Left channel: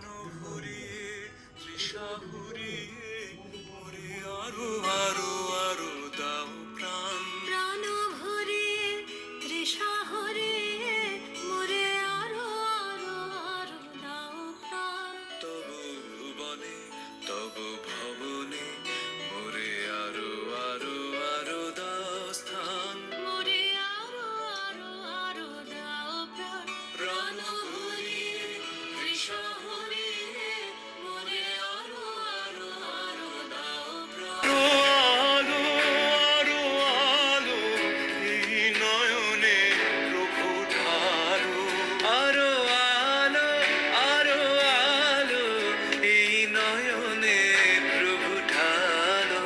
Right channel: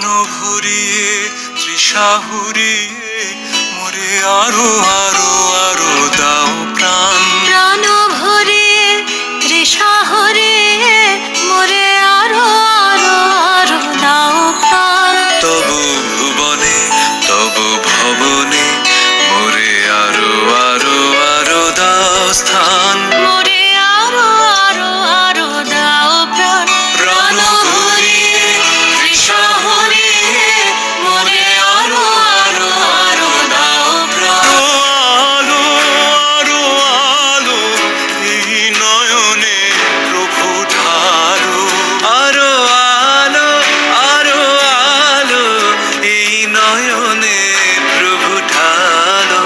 প্রাণ ভরিয়ে তৃষা হুরিয়ে মোরে আরো আরো আরো দাও প্রাণ। প্রাণ ভরিয়ে তৃষা হরিয়ে মোরে আরো আরো আরো দাও প্রাণ। তবু ভুবনে তবু ভবনে মোরে আরো আরো আরো দাও স্থান। মোরে আরো আরো আরো দাও প্রাণ। প্রাণ ভরিয়ে তৃষা হরিয়ে মোরে আরো আরো আরো দাও প্রাণ। আলো আরো আলো এই নয়নে প্রভু ঢালো। আরো আলো আরো আলো এই নয়নে প্রভু ঢালো।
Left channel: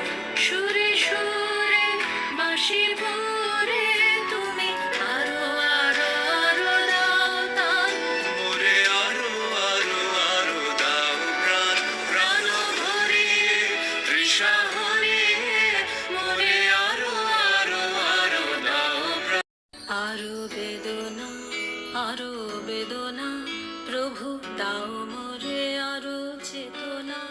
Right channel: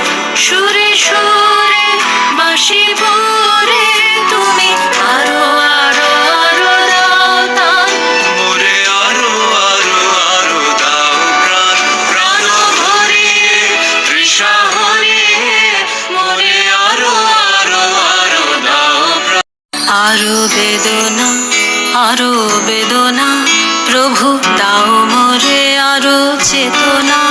সুরে সুরে বাঁশি ভরে তুমি আরো আরো আরো দাও তান। মোরে আরো আরো আরো দাও প্রাণ। প্রাণ ভরিয়ে তৃষা হরিয়ে মোরে আরো আরো আরো দাও প্রাণ। আরো বেদনা প্রভু দাও মোরে আরো চেতনা।